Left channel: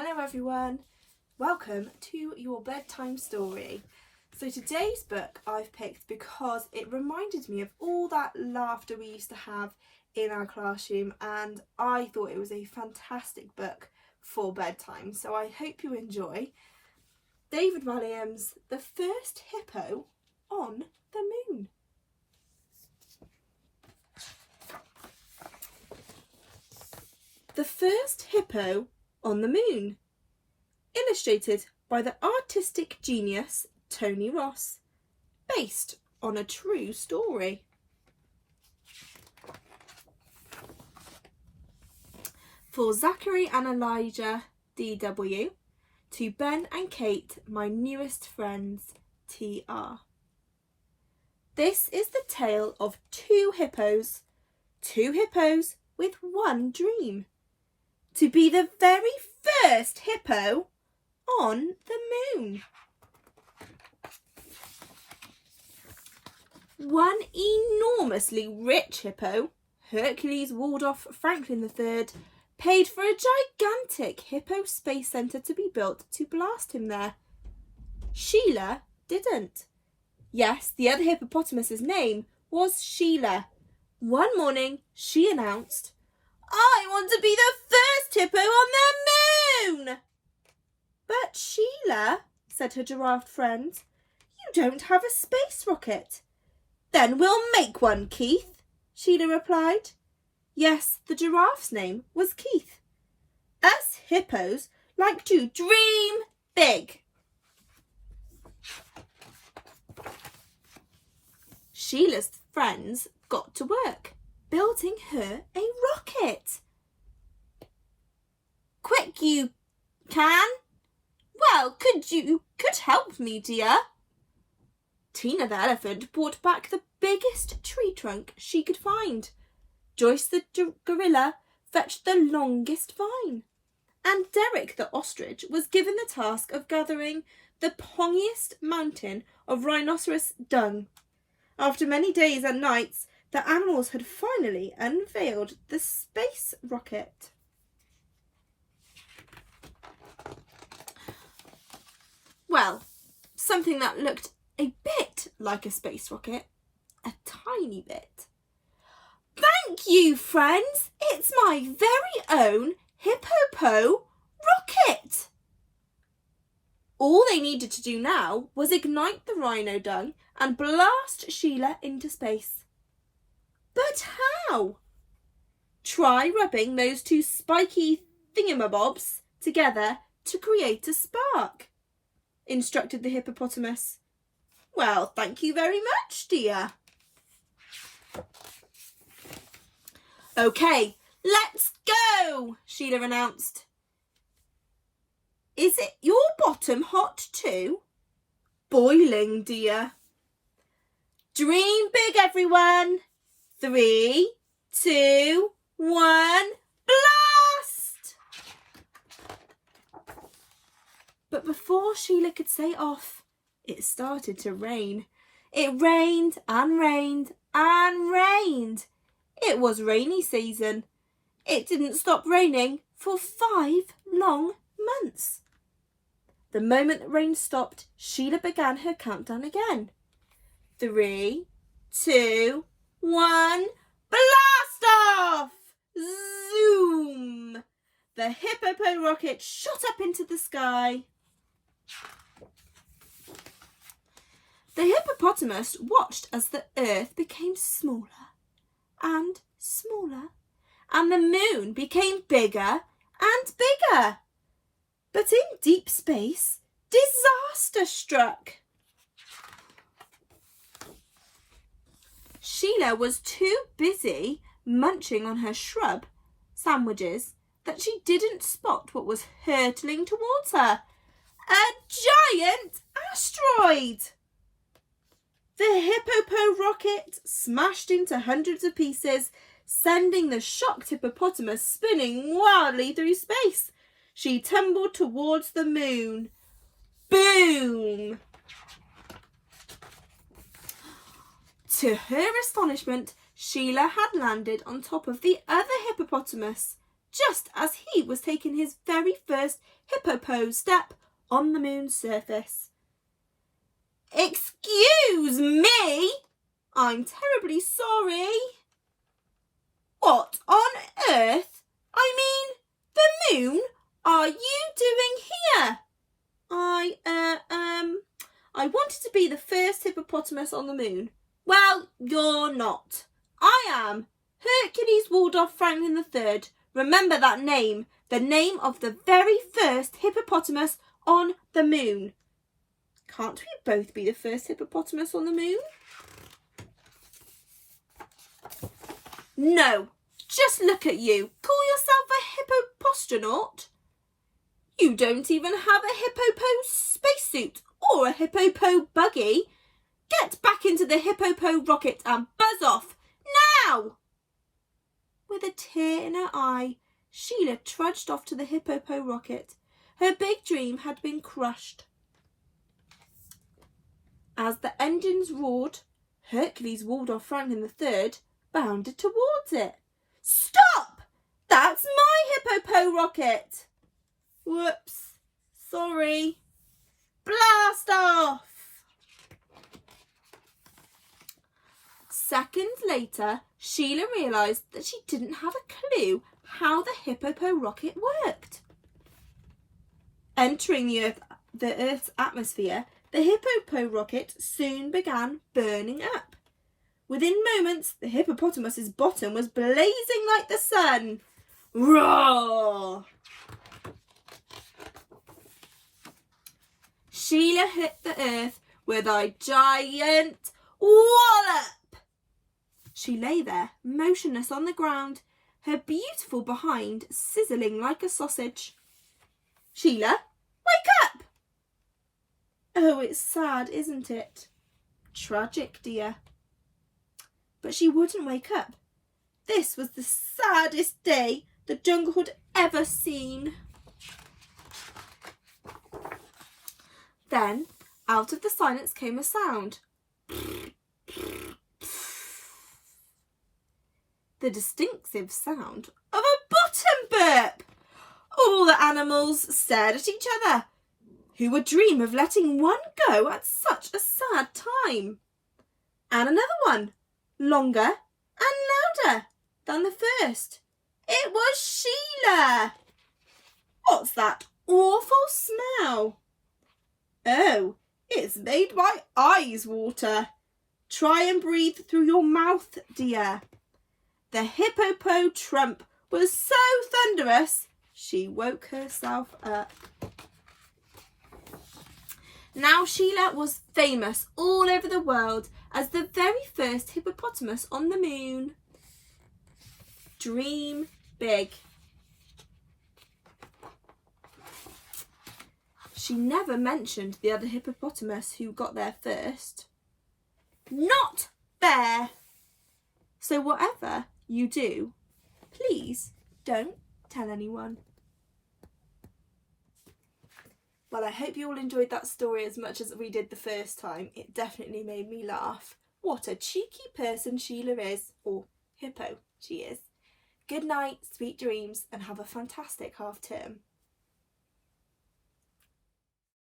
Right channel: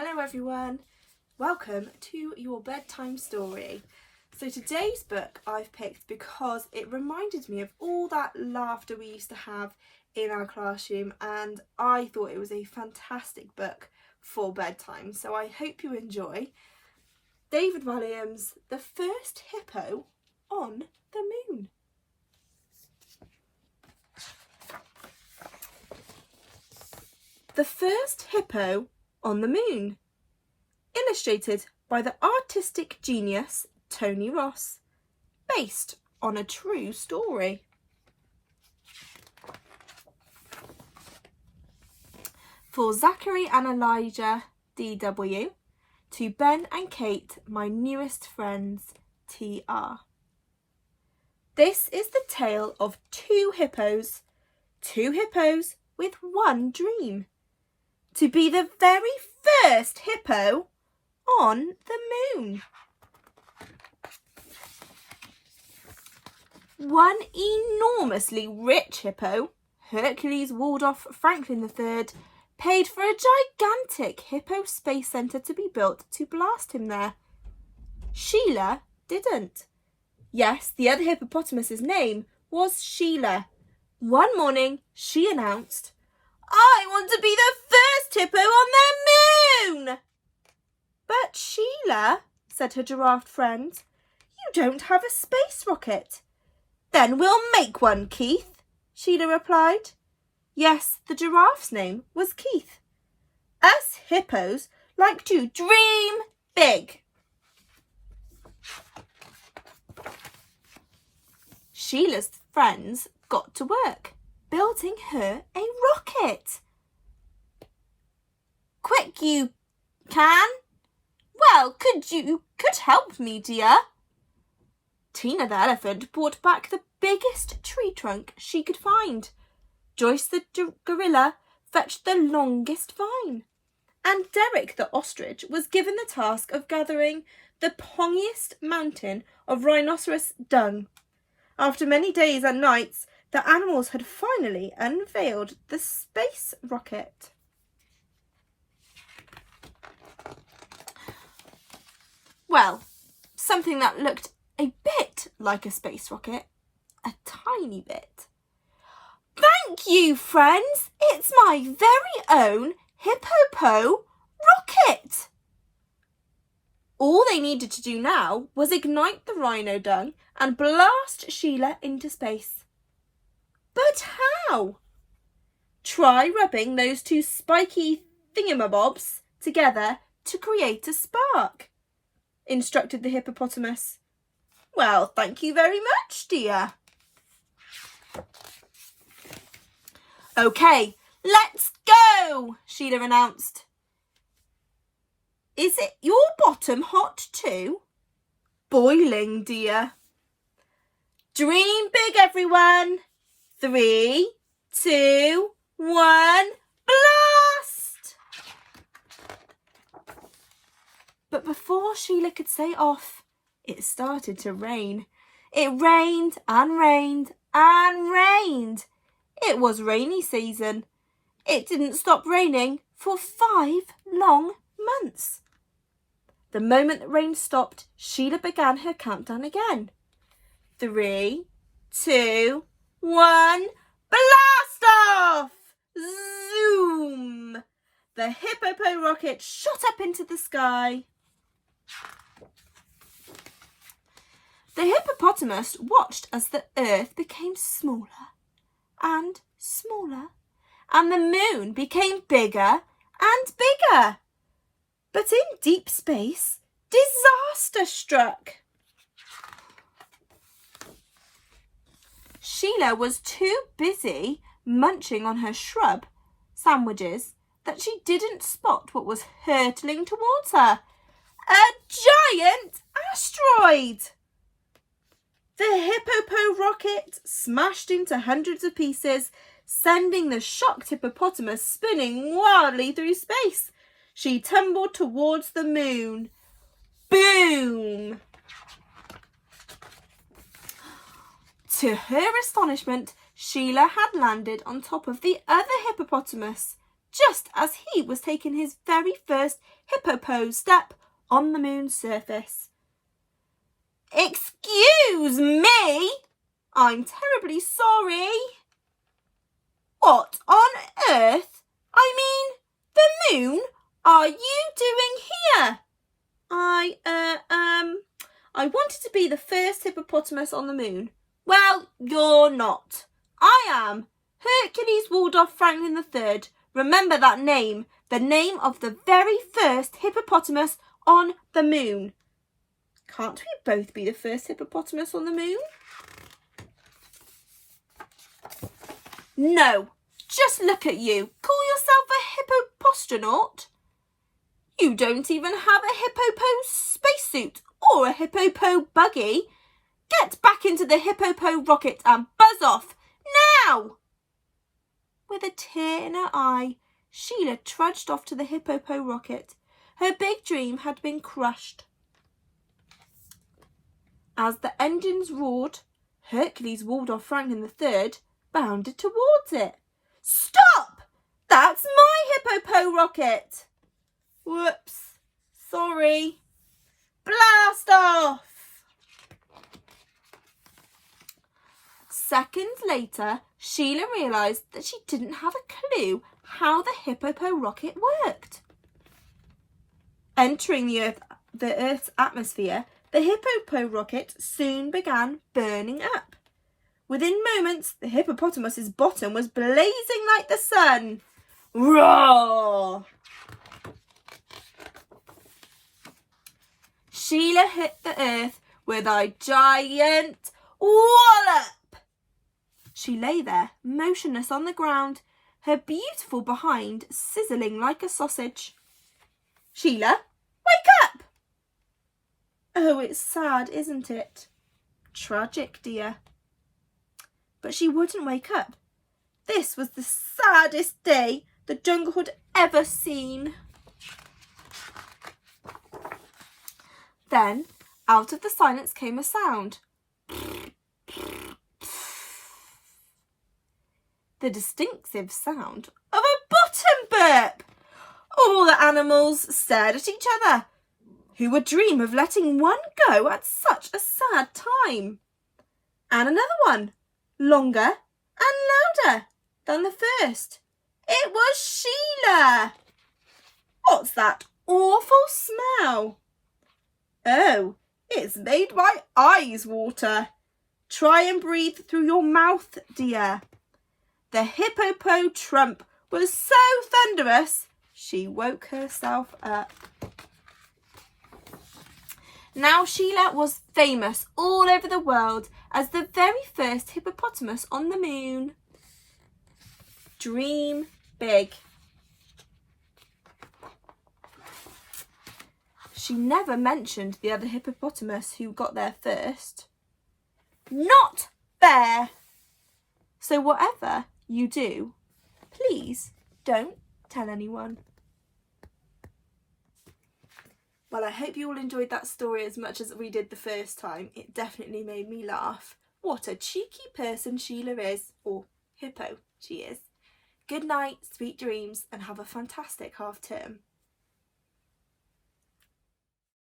Hello everyone, welcome to your bedtime story. So today's book I've picked because it reminded me of all that laughter we used to have in our classroom, and I thought it was a fantastic book for bedtime, so I hope you enjoy. David Walliams, The First Hippo on the Moon. The First Hippo on the Moon. Illustrated by the artistic genius Tony Ross. Based on a true story. For Zachary and Elijah, DW. To Ben and Kate, my newest friends, TR. This is the tale of two hippos with one dream. To be the very first hippo on the moon. One enormously rich hippo, Hercules Waldorf Franklin III, paid for a gigantic hippo space centre to be built to blast him there. Sheila didn't. Yes, the other hippopotamus's name was Sheila. One morning, she announced, "I want to be the first hippo on the moon!" "But Sheila," said her giraffe friend, "you don't have a space rocket." "Then we'll make one, Keith," Sheila replied. Yes, the giraffe's name was Keith. Us hippos like to dream big. Sheila's friends got to work, building her a rocket. "Quick you can? Well, could help me, dear." Tina the elephant brought back the biggest tree trunk she could find. Joyce the gorilla fetched the longest vine. And Derek the ostrich was given the task of gathering the pongiest mountain of rhinoceros dung. After many days and nights, the animals had finally unveiled the space rocket. Well, something that looked a bit like a space rocket, a tiny bit. "Thank you, friends, it's my very own Hippo rocket." All they needed to do now was ignite the rhino dung and blast Sheila into space. But how? Try rubbing those two spiky thingamabobs together to create a spark, instructed the hippopotamus. "Well, thank you very much, dear." "Okay, let's go," Sheila announced. "Is it your bottom hot too?" "Boiling, dear." "Dream big, everyone. 3, 2, 1, blast!" But before Sheila could say off, it started to rain. It rained and rained and rained. It was rainy season. It didn't stop raining for 5 long months. The moment the rain stopped, Sheila began her countdown again. 3, 2, 1, blast off! Zoom! The hippo rocket shot up into the sky. The hippopotamus watched as the earth became smaller and smaller, and the moon became bigger and bigger. But in deep space, disaster struck. Sheila was too busy munching on her shrub sandwiches that she didn't spot what was hurtling towards her. A giant asteroid! The hippo rocket smashed into hundreds of pieces, sending the shocked hippopotamus spinning wildly through space. She tumbled towards the moon. Boom! To her astonishment, Sheila had landed on top of the other hippopotamus, just as he was taking his very first hippo step on the moon's surface. "Excuse me, I'm terribly sorry." "What on earth, I mean the moon, are you doing here?" I wanted to be the first hippopotamus on the moon." "Well, you're not. I am Hercules Waldorf Franklin III. Remember that name, the name of the very first hippopotamus on the moon." "Can't we both be the first hippopotamus on the moon?" "No, just look at you. Call yourself a hippopostronaut? You don't even have a hippo spacesuit or a hippo buggy. Get back into the hippo rocket and buzz off, now!" With a tear in her eye, Sheila trudged off to the hippo rocket. Her big dream had been crushed. As the engines roared, Hercules Waldorf Franklin III bounded towards it. "Stop! That's my hippo rocket!" "Whoops, sorry." "Blast off!" Seconds later, Sheila realised that she didn't have a clue how the hippo rocket worked. Entering the Earth's atmosphere, the hippo rocket soon began burning up. Within moments, the hippopotamus's bottom was blazing like the sun. Roar! Sheila hit the earth with a giant wallop. She lay there, motionless on the ground, her beautiful behind sizzling like a sausage. "Sheila, wake up!" "Oh, it's sad, isn't it?" "Tragic, dear." But she wouldn't wake up. This was the saddest day the jungle had ever seen. Then, out of the silence came a sound. The distinctive sound of a bottom burp. All the animals stared at each other. Who would dream of letting one go at such a sad time? And another one, longer and louder than the first. It was Sheila. "What's that awful smell?" "Oh, it's made my eyes water. Try and breathe through your mouth, dear." The hippo trump was so thunderous, she woke herself up. Now Sheila was famous all over the world as the very first hippopotamus on the moon. Dream big. She never mentioned the other hippopotamus who got there first. Not fair. So whatever you do, please don't tell anyone. Well, I hope you all enjoyed that story as much as we did the first time. It definitely made me laugh. What a cheeky person Sheila is, or hippo she is. Good night, sweet dreams, and have a fantastic half term.